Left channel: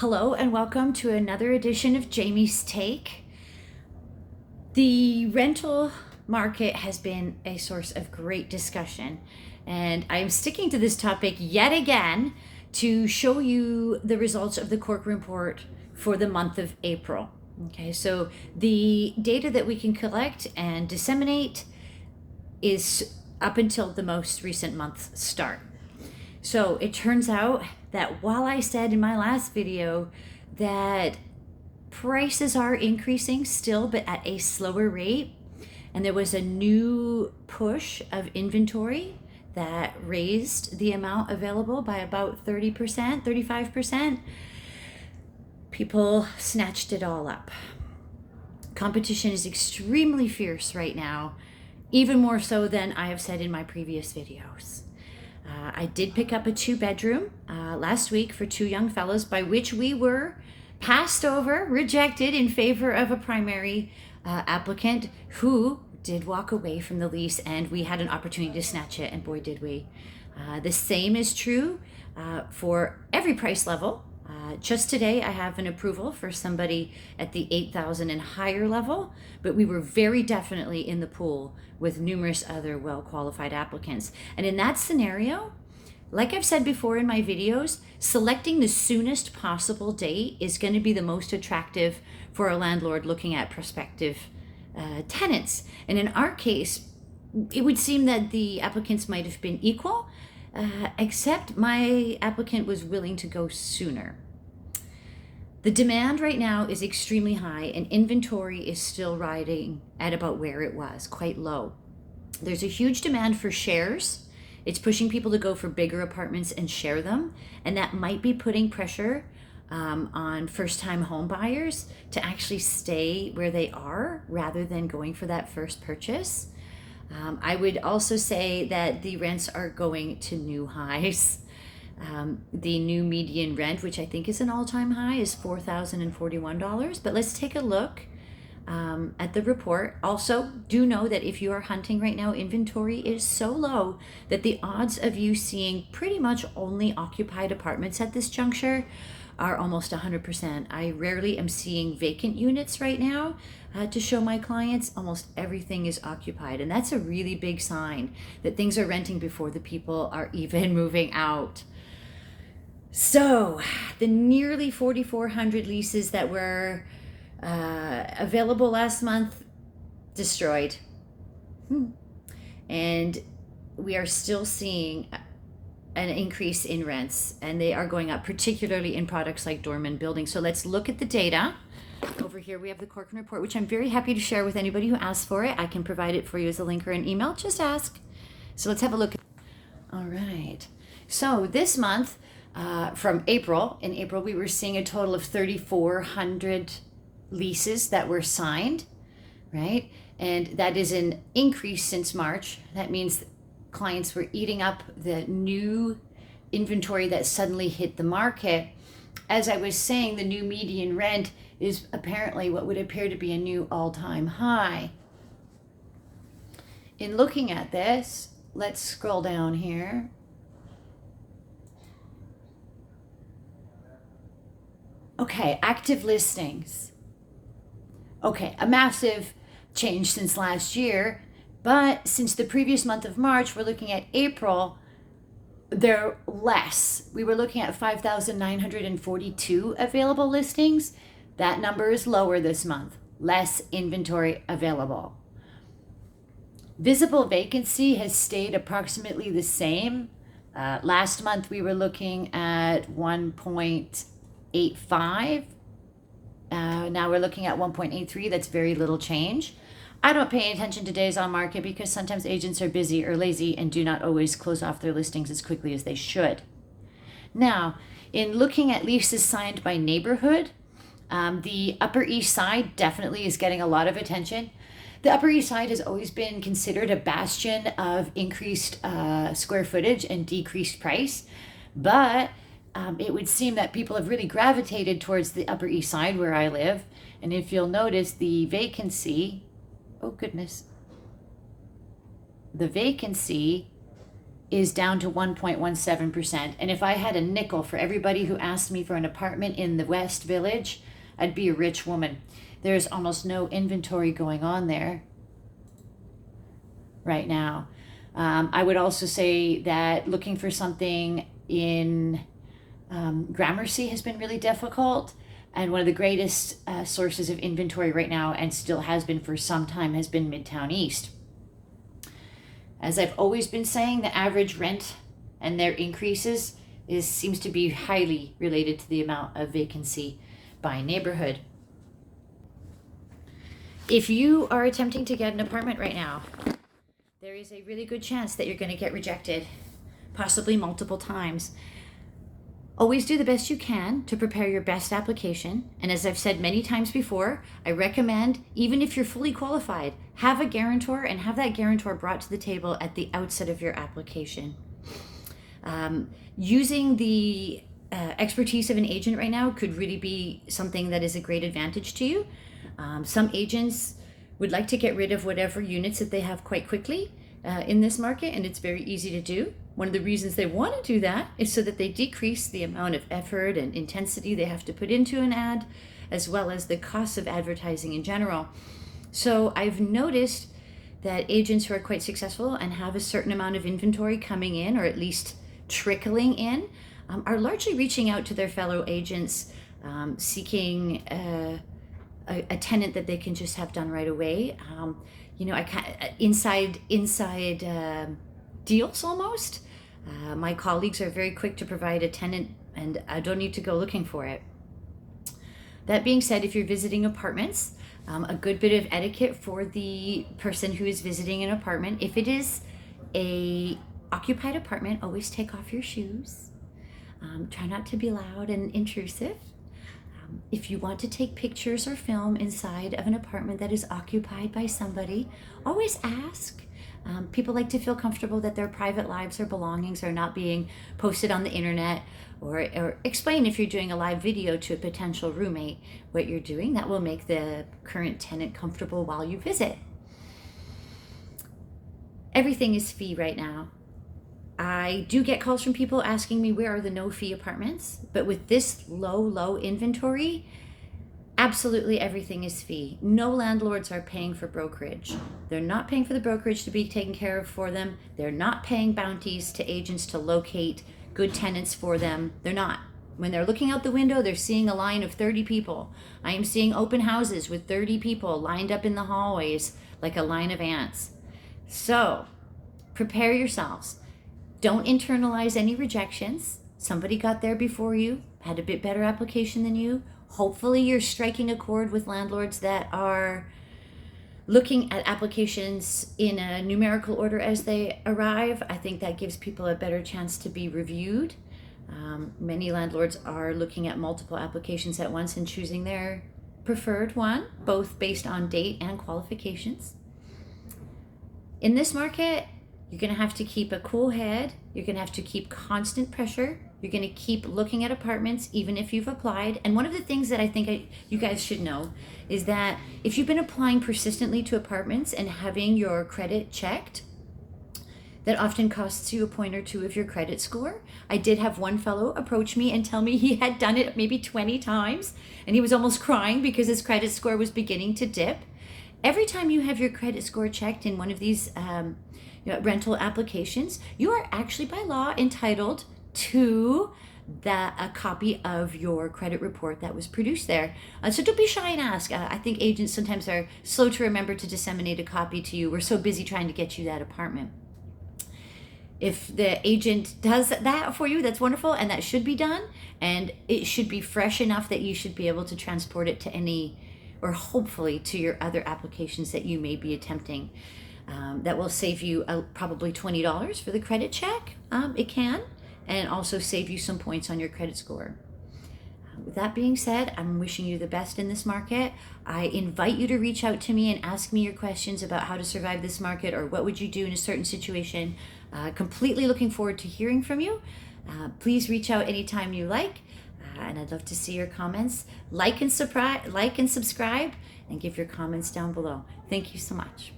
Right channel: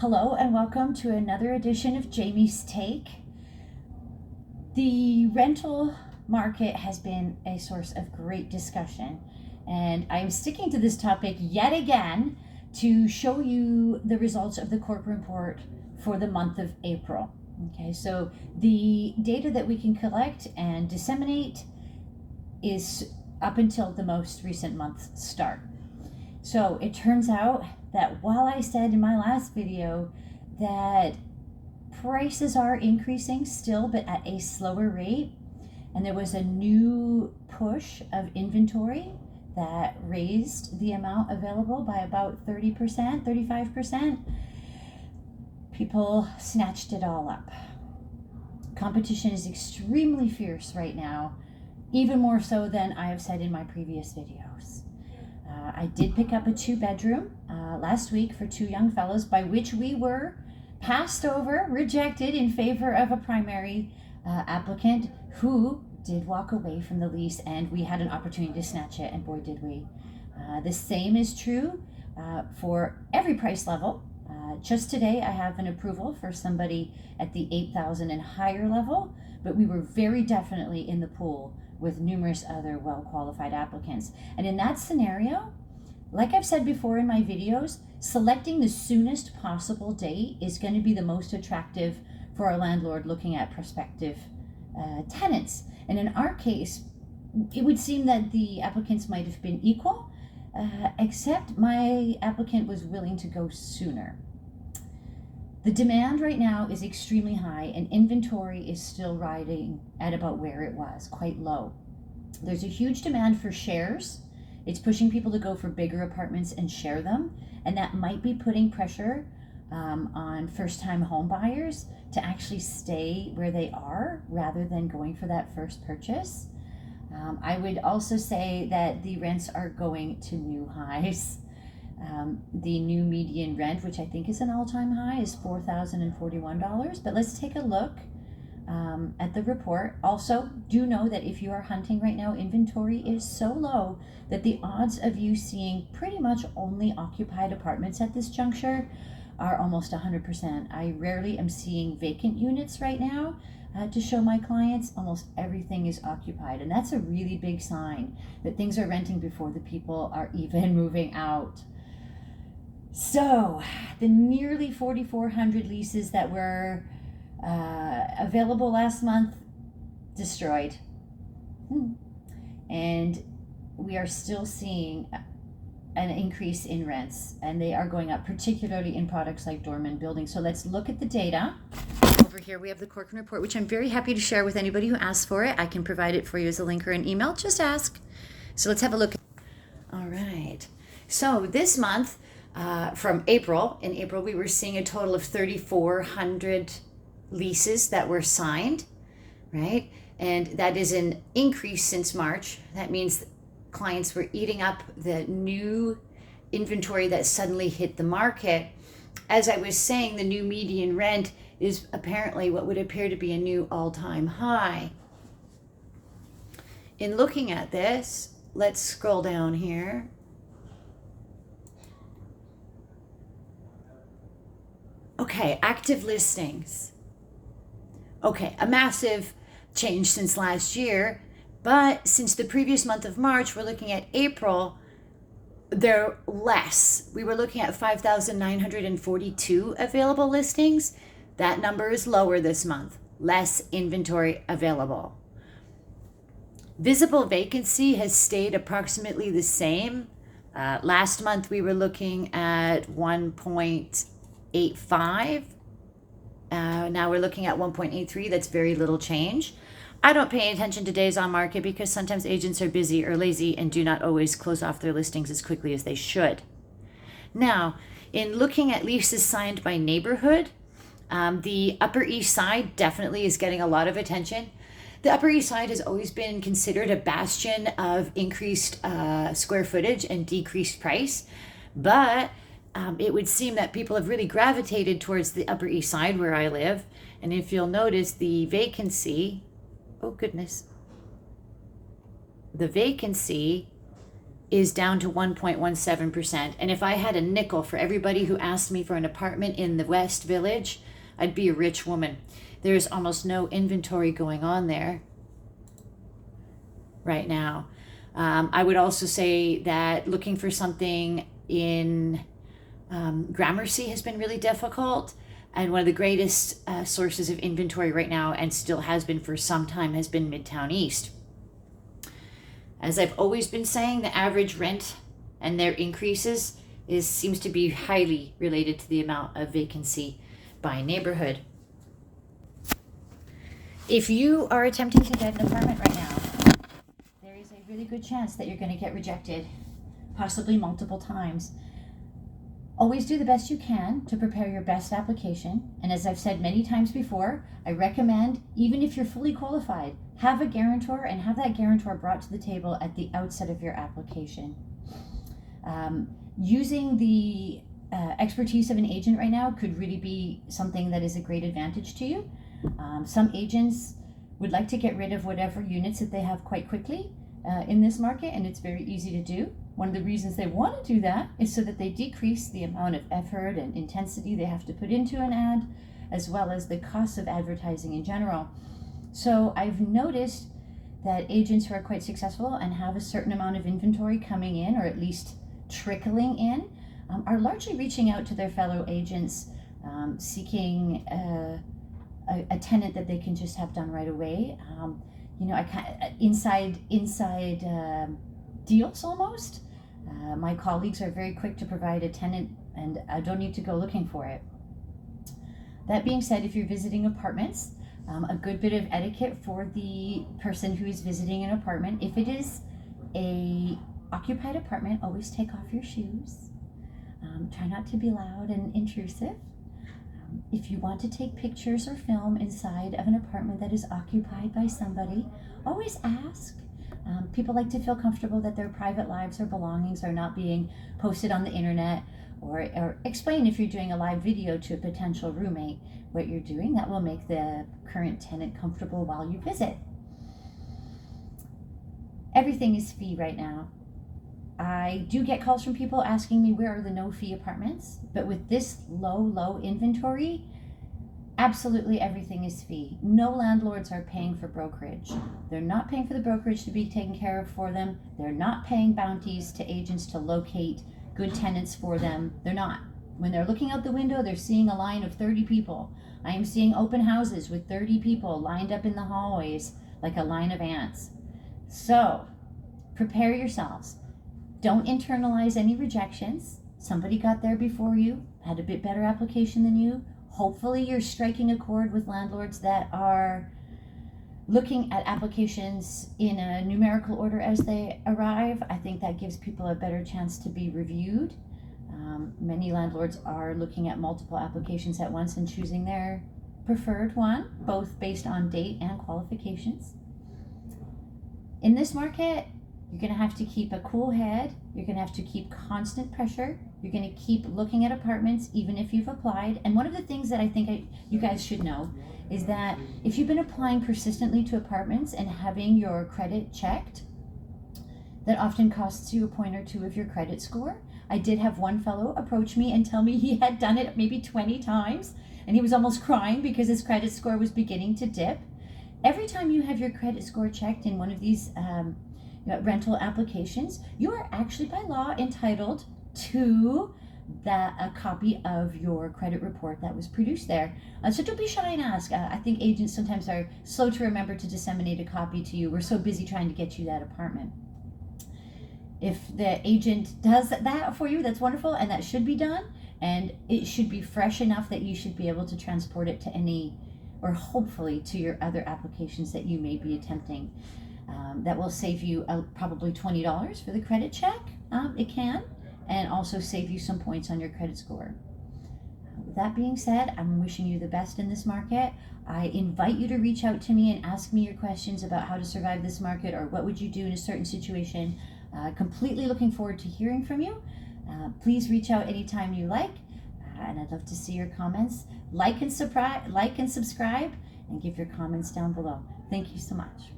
Hello and welcome to another edition of Jaime's Take. The rental market has been a source of great discussion, and I'm sticking to this topic yet again to show you the results of the Corcoran report for the month of April. Okay, so the data that we can collect and disseminate is up until the most recent month's start. So it turns out that while I said in my last video that prices are increasing still, but at a slower rate, and there was a new push of inventory that raised the amount available by about 30%, 35%, people snatched it all up. Competition is extremely fierce right now, even more so than I have said in my previous videos. I did pick up a 2-bedroom last week for 2 young fellows, by which we were passed over, rejected in favor of a primary applicant who did walk away from the lease, and we had an opportunity to snatch it, and boy did we. The same is true for every price level. Just today I have an approval for somebody at the 8,000 and higher level, but we were very definitely in the pool with numerous other well-qualified applicants. And in that scenario, like I've said before in my videos, selecting the soonest possible date is going to be the most attractive for a landlord looking at prospective tenants. And in our case, it would seem that the applicants might have been equal, except my applicant was willing to go sooner. The demand right now is extremely high, and inventory is still riding at about where it was, quite low. There's a huge demand for shares. It's pushing people to go for bigger apartments and share them, and that might be putting pressure on first-time home buyers to actually stay where they are rather than going for that first purchase. I would also say that the rents are going to new highs. The new median rent, which I think is an all-time high, is $4,041. But let's take a look at the report. Also, do know that if you are hunting right now, inventory is so low that the odds of you seeing pretty much only occupied apartments at this juncture are almost 100%. I rarely am seeing vacant units right now to show my clients. Almost everything is occupied, and that's a really big sign that things are renting before the people are even moving out. So the nearly 4,400 leases that were available last month, destroyed. And we are still seeing an increase in rents, and they are going up, particularly in products like dormant buildings. So let's look at the data. Over here we have the Corcoran report, which I'm very happy to share with anybody who asks for it. I can provide it for you as a link or an email. Just ask. So let's have a look. All right. So this month, from April, in April we were seeing a total of 3,400 leases that were signed, right? And that is an increase since March. That means clients were eating up the new inventory that suddenly hit the market. As I was saying, the new median rent is apparently what would appear to be a new all-time high. In looking at this, let's scroll down here. Okay, active listings. Okay, a massive change since last year, but since the previous month of March, we're looking at April, they're less. We were looking at 5,942 available listings. That number is lower this month, less inventory available. Visible vacancy has stayed approximately the same. Last month, we were looking at 1.85. Now we're looking at 1.83. That's very little change. I don't pay attention to days on market because sometimes agents are busy or lazy and do not always close off their listings as quickly as they should. Now, in looking at leases signed by neighborhood, the Upper East Side definitely is getting a lot of attention. The Upper East Side has always been considered a bastion of increased square footage and decreased price, but it would seem that people have really gravitated towards the Upper East Side where I live. And if you'll notice, the vacancy, oh goodness, the vacancy is down to 1.17%. And if I had a nickel for everybody who asked me for an apartment in the West Village, I'd be a rich woman. There's almost no inventory going on there right now. I would also say that looking for something in Gramercy has been really difficult. And one of the greatest sources of inventory right now, and still has been for some time, has been Midtown East. As I've always been saying, the average rent and their increases seems to be highly related to the amount of vacancy by neighborhood. If you are attempting to get an apartment right now, there is a really good chance that you're going to get rejected, possibly multiple times. Always do the best you can to prepare your best application. And as I've said many times before, I recommend, even if you're fully qualified, have a guarantor and have that guarantor brought to the table at the outset of your application. Using the expertise of an agent right now could really be something that is a great advantage to you. Some agents would like to get rid of whatever units that they have quite quickly in this market, and it's very easy to do. One of the reasons they want to do that is so that they decrease the amount of effort and intensity they have to put into an ad, as well as the cost of advertising in general. So I've noticed that agents who are quite successful and have a certain amount of inventory coming in, or at least trickling in, are largely reaching out to their fellow agents, seeking a tenant that they can just have done right away. Inside deals almost. My colleagues are very quick to provide a tenant, and I don't need to go looking for it. That being said, if you're visiting apartments, a good bit of etiquette for the person who is visiting an apartment. If it is a occupied apartment, always take off your shoes. Try not to be loud and intrusive. If you want to take pictures or film inside of an apartment that is occupied by somebody, always ask. People like to feel comfortable that their private lives or belongings are not being posted on the internet, or explain if you're doing a live video to a potential roommate what you're doing. That will make the current tenant comfortable while you visit. Everything is fee right now. I do get calls from people asking me where are the no fee apartments, but with this low inventory, absolutely everything is fee. No landlords are paying for brokerage. They're not paying for the brokerage to be taken care of for them. They're not paying bounties to agents to locate good tenants for them. They're not. When they're looking out the window, they're seeing a line of 30 people. I am seeing open houses with 30 people lined up in the hallways like a line of ants. So prepare yourselves. Don't internalize any rejections. Somebody got there before you, had a bit better application than you. Hopefully you're striking a chord with landlords that are looking at applications in a numerical order as they arrive. I think that gives people a better chance to be reviewed. Many landlords are looking at multiple applications at once and choosing their preferred one, both based on date and qualifications. In this market, you're going to have to keep a cool head. You're going to have to keep constant pressure. You're going to keep looking at apartments even if you've applied. And one of the things that I think you guys should know is that if you've been applying persistently to apartments and having your credit checked, that often costs you a point or two of your credit score. I did have one fellow approach me and tell me he had done it maybe 20 times, and he was almost crying because his credit score was beginning to dip. Every time you have your credit score checked in one of these rental applications, you are actually by law entitled to a copy of your credit report that was produced there. So don't be shy and ask. I think agents sometimes are slow to remember to disseminate a copy to you. We're so busy trying to get you that apartment. If the agent does that for you, that's wonderful, and that should be done, and it should be fresh enough that you should be able to transport it to any, or hopefully to your other applications that you may be attempting. That will save you probably $20 for the credit check. It can, and also save you some points on your credit score. With that being said, I'm wishing you the best in this market. I invite you to reach out to me and ask me your questions about how to survive this market, or what would you do in a certain situation. Completely looking forward to hearing from you. Please reach out anytime you like, and I'd love to see your comments. Like and subscribe, and give your comments down below. Thank you so much.